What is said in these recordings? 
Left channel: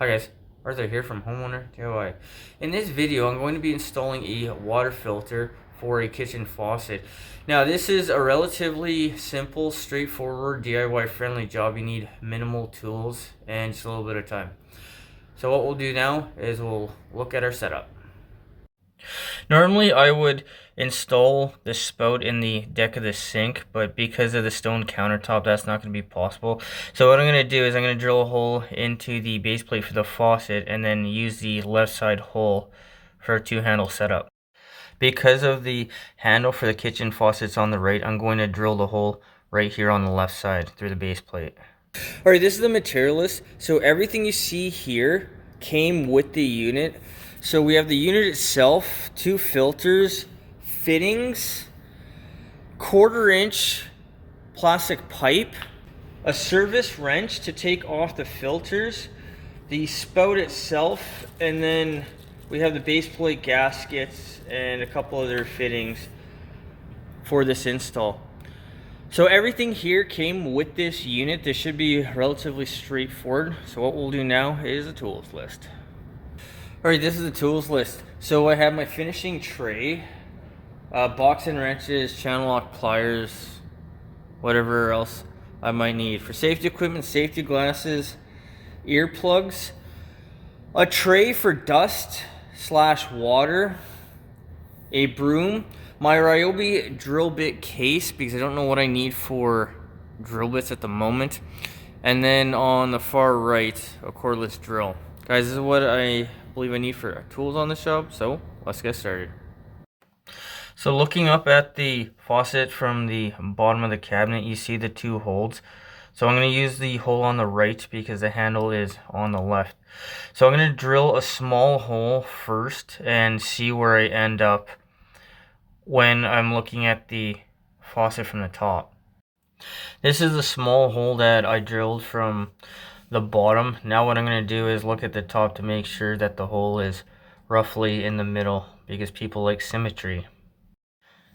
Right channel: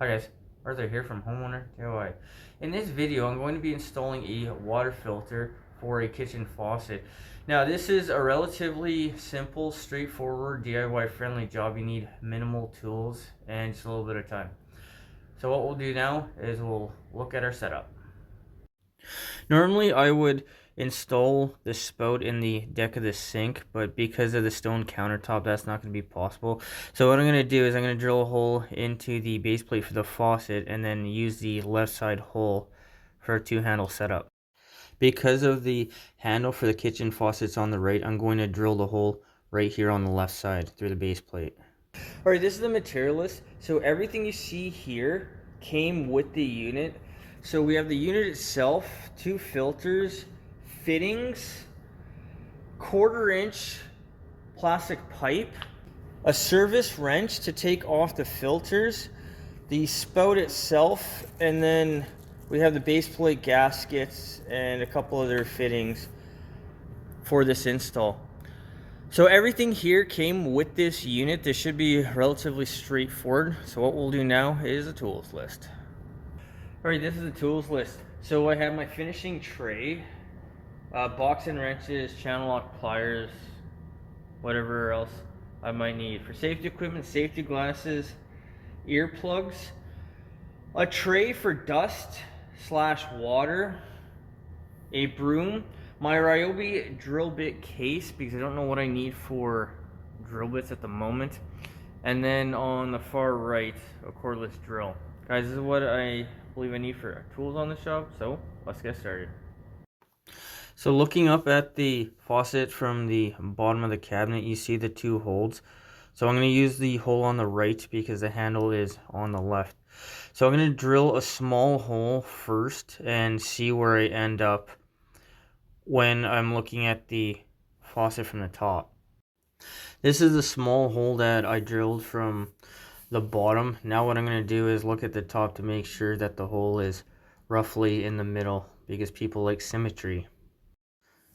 Hi guys, Arthur here from Homeowner DIY. In this video, I'm going to be installing a water filter for a kitchen faucet. Now, this is a relatively simple, straightforward, DIY friendly job. You need minimal tools and just a little bit of time. So what we'll do now is we'll look at our setup. Normally, I would install the spout in the deck of the sink, but because of the stone countertop, that's not going to be possible. So what I'm going to do is I'm going to drill a hole into the base plate for the faucet and then use the left side hole for a two-handle setup. Because of the handle for the kitchen faucets on the right, I'm going to drill the hole right here on the left side through the base plate. Alright, this is the material list. So everything you see here came with the unit. So we have the unit itself, two filters, fittings, 1/4 inch plastic pipe, a service wrench to take off the filters, the spout itself, and then we have the base plate gaskets and a couple other fittings for this install. So everything here came with this unit. This should be relatively straightforward. So what we'll do now is a tools list. Alright, this is the tools list. So I have my finishing tray, box and wrenches, channel lock pliers, whatever else I might need. For safety equipment, safety glasses, earplugs, a tray for dust / water, a broom, my Ryobi drill bit case because I don't know what I need for drill bits at the moment, and then on the far right, a cordless drill. Guys, this is what I believe I need for tools on the shop, so let's get started. So looking up at the faucet from the bottom of the cabinet, you see the two holes. So I'm going to use the hole on the right because the handle is on the left. So I'm going to drill a small hole first and see where I end up when I'm looking at the faucet from the top. This is a small hole that I drilled from the bottom. Now what I'm going to do is look at the top to make sure that the hole is roughly in the middle because people like symmetry.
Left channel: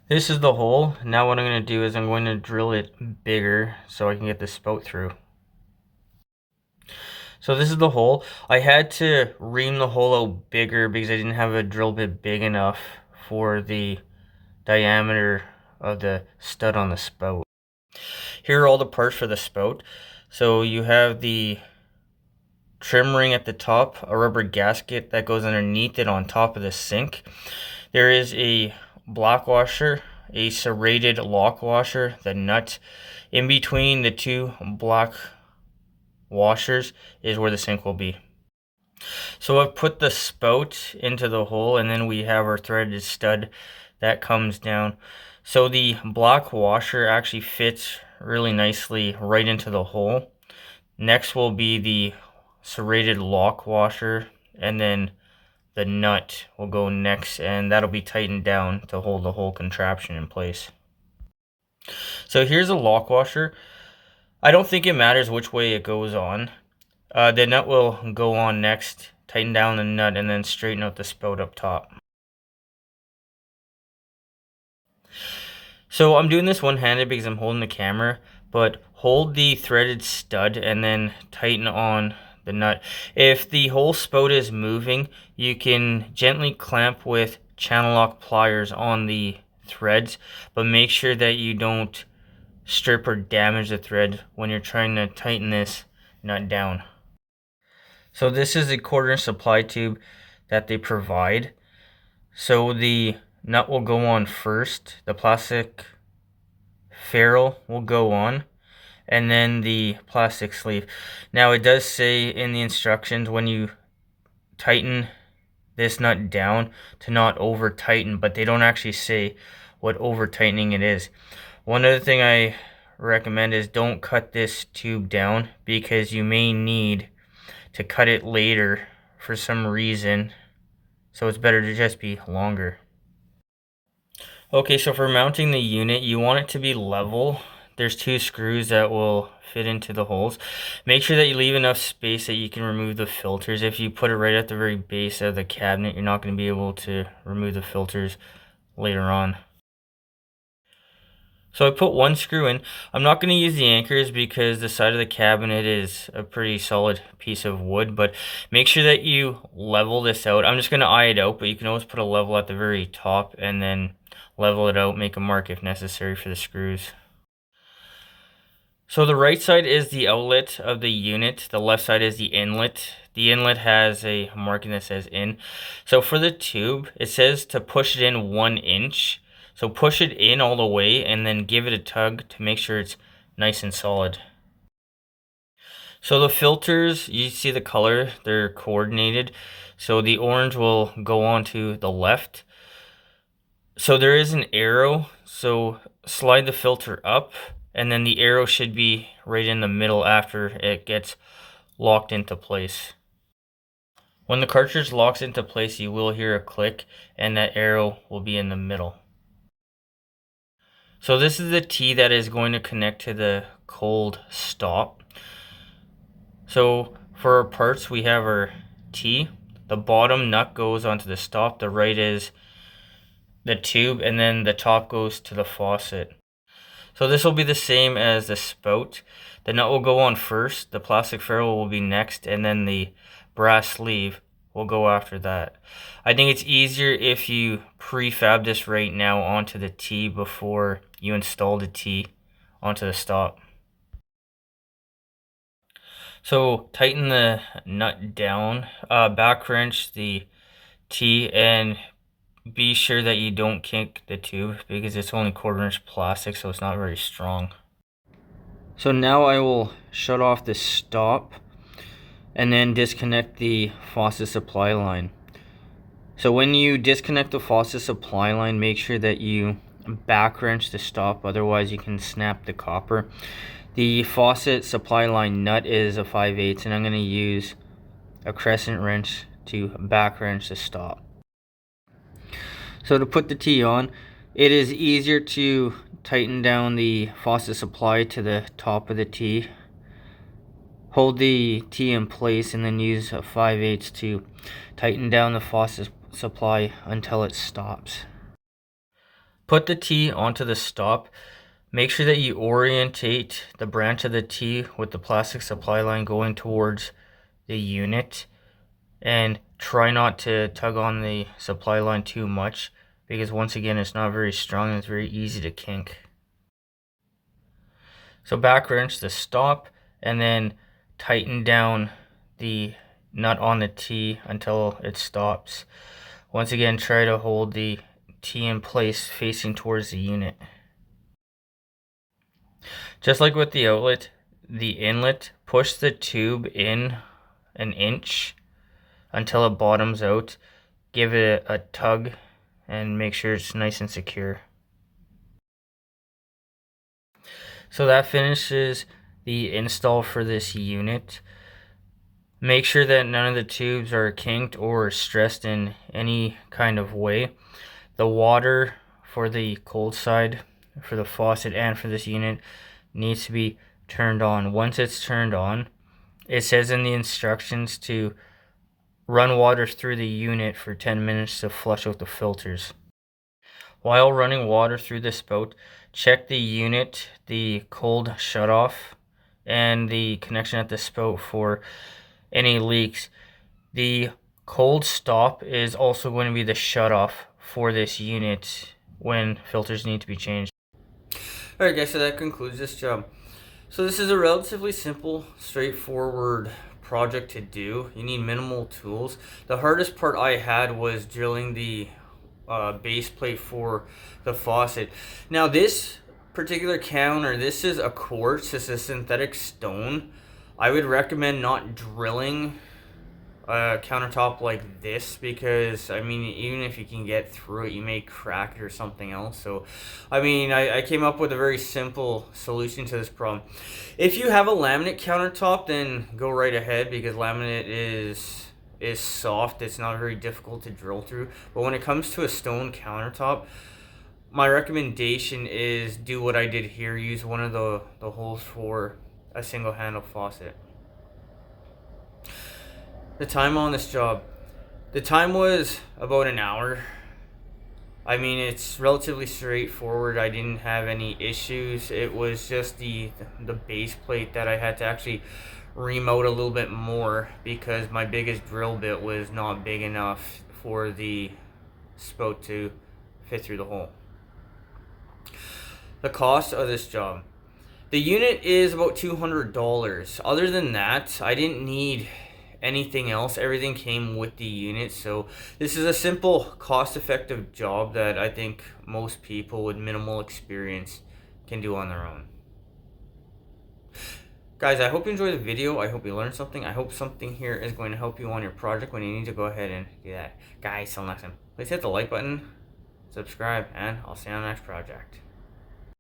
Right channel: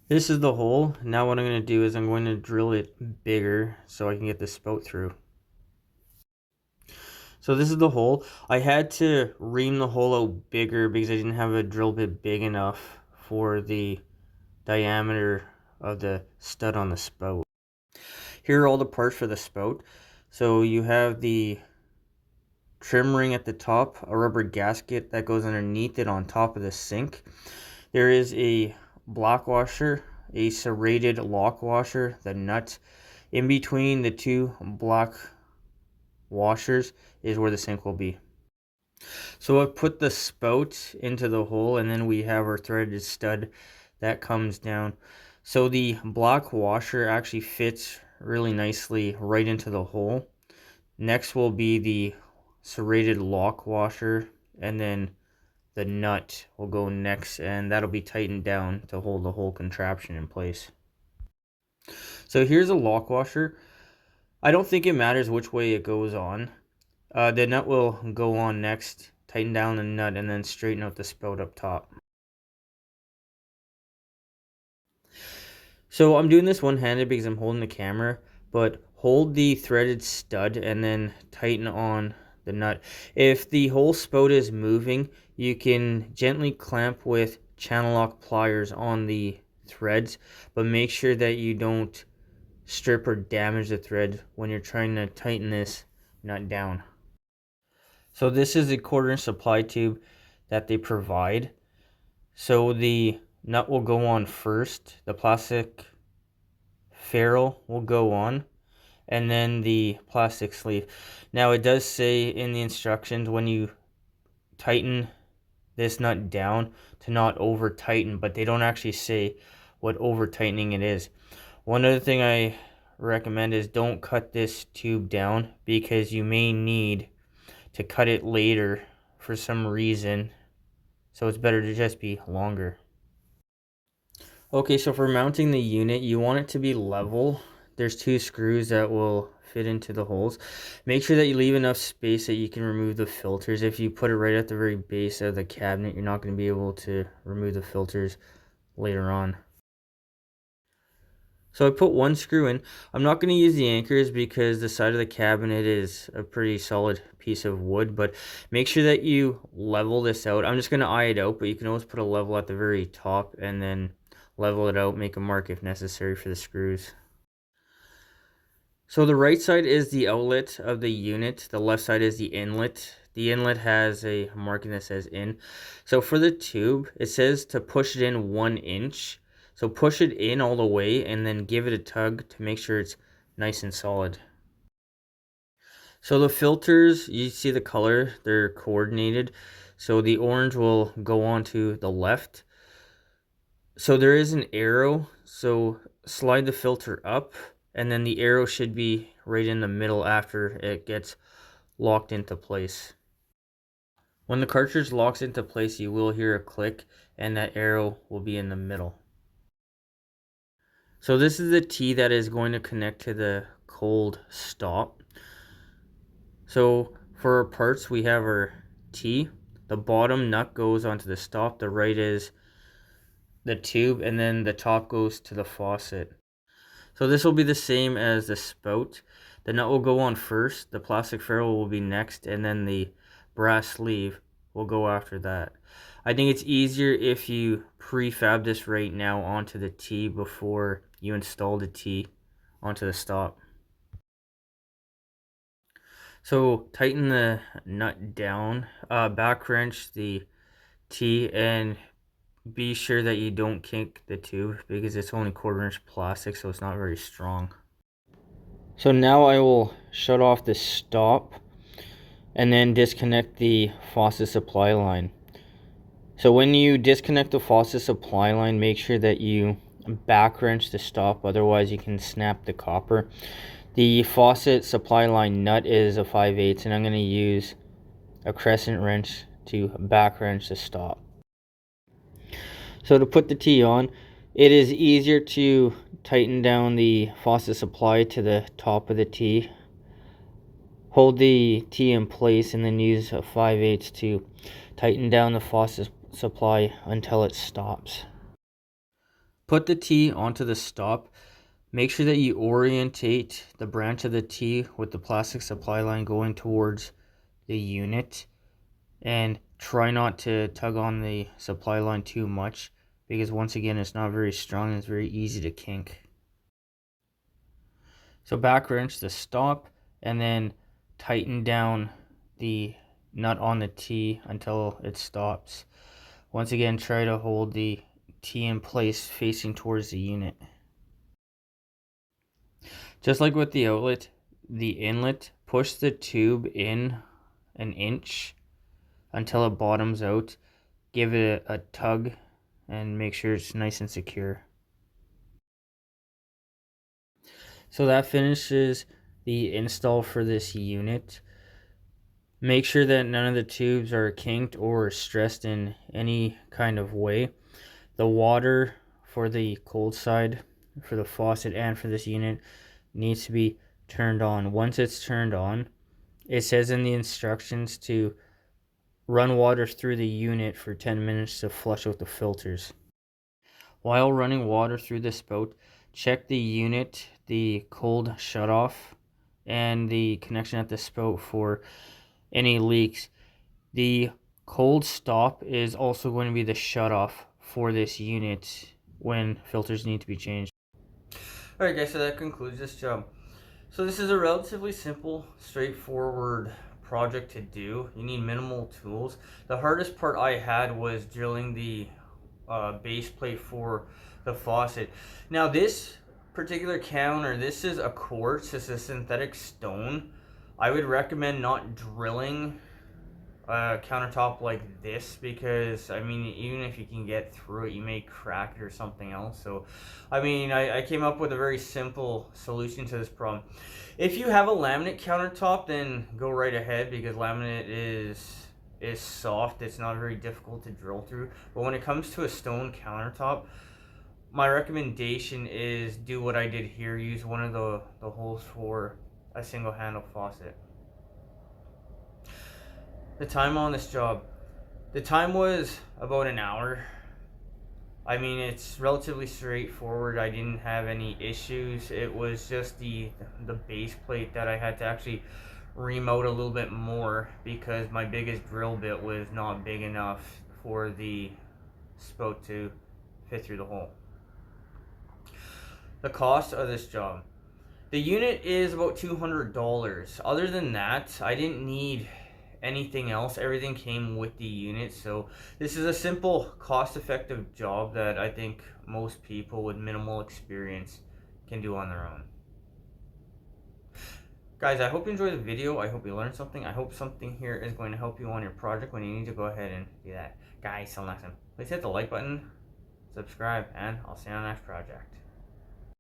This is the hole. Now what I'm going to do is I'm going to drill it bigger so I can get the spout through. So this is the hole. I had to ream the hole out bigger because I didn't have a drill bit big enough for the diameter of the stud on the spout. Here are all the parts for the spout. So you have the trim ring at the top, a rubber gasket that goes underneath it on top of the sink. There is a block washer, a serrated lock washer, the nut. In between the two block washers is where the sink will be. So I've put the spout into the hole, and then we have our threaded stud that comes down. So the block washer actually fits really nicely right into the hole. Next will be the serrated lock washer, and then the nut will go next, and that'll be tightened down to hold the whole contraption in place. So here's a lock washer. I don't think it matters which way it goes on. The nut will go on next, tighten down the nut, and then straighten out the spout up top. So I'm doing this one-handed because I'm holding the camera, but hold the threaded stud and then tighten on the nut. If the whole spout is moving, you can gently clamp with channel lock pliers on the threads, but make sure that you don't strip or damage the thread when you're trying to tighten this nut down. So this is a 1/4 inch supply tube that they provide. So the nut will go on first, the plastic ferrule will go on, and then the plastic sleeve. Now it does say in the instructions when you tighten this nut down to not over tighten, but they don't actually say what over tightening it is. One other thing I recommend is don't cut this tube down because you may need to cut it later for some reason, so it's better to just be longer. Okay, so for mounting the unit, you want it to be level. There's two screws that will fit into the holes. Make sure that you leave enough space that you can remove the filters. If you put it right at the very base of the cabinet, you're not going to be able to remove the filters later on. So I put one screw in. I'm not going to use the anchors because the side of the cabinet is a pretty solid piece of wood, but make sure that you level this out. I'm just going to eye it out, but you can always put a level at the very top and then level it out, make a mark if necessary for the screws. So the right side is the outlet of the unit. The left side is the inlet. The inlet has a marking that says in. So for the tube, it says to push it in 1 inch. So push it in all the way and then give it a tug to make sure it's nice and solid. So the filters, you see the color, they're coordinated. So the orange will go on to the left. So there is an arrow, so slide the filter up, and then the arrow should be right in the middle after it gets locked into place. When the cartridge locks into place, you will hear a click, and that arrow will be in the middle. So this is the T that is going to connect to the cold stop. So for our parts, we have our T. The bottom nut goes onto the stop, the right is the tube, and then the top goes to the faucet. So this will be the same as the spout. The nut will go on first, the plastic ferrule will be next, and then the brass sleeve will go after that. I think it's easier if you prefab this right now onto the T before you install the T onto the stop. So tighten the nut down, back wrench the T, and be sure that you don't kink the tube because it's only 1/4 inch plastic, so it's not very strong. So now I will shut off the stop and then disconnect the faucet supply line. So when you disconnect the faucet supply line, make sure that you back wrench the stop, otherwise you can snap the copper. The faucet supply line nut is a 5/8, and I'm going to use a crescent wrench to back wrench the stop. So to put the T on, it is easier to tighten down the faucet supply to the top of the T. Hold the T in place and then use a 5/8 to tighten down the faucet supply until it stops. Put the T onto the stop. Make sure that you orientate the branch of the T with the plastic supply line going towards the unit, and try not to tug on the supply line too much because once again it's not very strong and it's very easy to kink. So back wrench the stop and then tighten down the nut on the T until it stops. Once again, try to hold the T in place facing towards the unit. Just like with the outlet, the inlet, push the tube in 1 inch until it bottoms out. Give it a tug and make sure it's nice and secure. So that finishes the install for this unit. Make sure that none of the tubes are kinked or stressed in any kind of way. The water for the cold side, for the faucet and for this unit, needs to be turned on. Once it's turned on, it says in the instructions to run water through the unit for 10 minutes to flush out the filters. While running water through the spout, check the unit, the cold shutoff, and the connection at the spout for any leaks. The cold stop is also going to be the shutoff for this unit when filters need to be changed. Alright guys, so that concludes this job. So this is a relatively simple, straightforward project to do. You need minimal tools. The hardest part I had was drilling the base plate for the faucet. Now this particular counter, this is a quartz, it's a synthetic stone. I would recommend not drilling a countertop like this because, I mean, even if you can get through it, you may crack it or something else. So, I mean, I came up with a very simple solution to this problem. If you have a laminate countertop, then go right ahead because laminate is soft. It's not very difficult to drill through. But when it comes to a stone countertop, my recommendation is do what I did here. Use one of the holes for a single handle faucet. The time on this job, the time was about an hour. I mean, it's relatively straightforward. I didn't have any issues. It was just the base plate that I had to actually remote a little bit more because my biggest drill bit was not big enough for the spout to fit through the hole. The cost of this job. The unit is about $200. Other than that, I didn't need anything else. Everything came with the unit. So this is a simple, cost-effective job that I think most people with minimal experience can do on their own. Guys, I hope you enjoyed the video. I hope you learned something. I hope something here is going to help you on your project when you need to go ahead and do that. Guys, till next time, please hit the like button, subscribe, and I'll see you on the next project.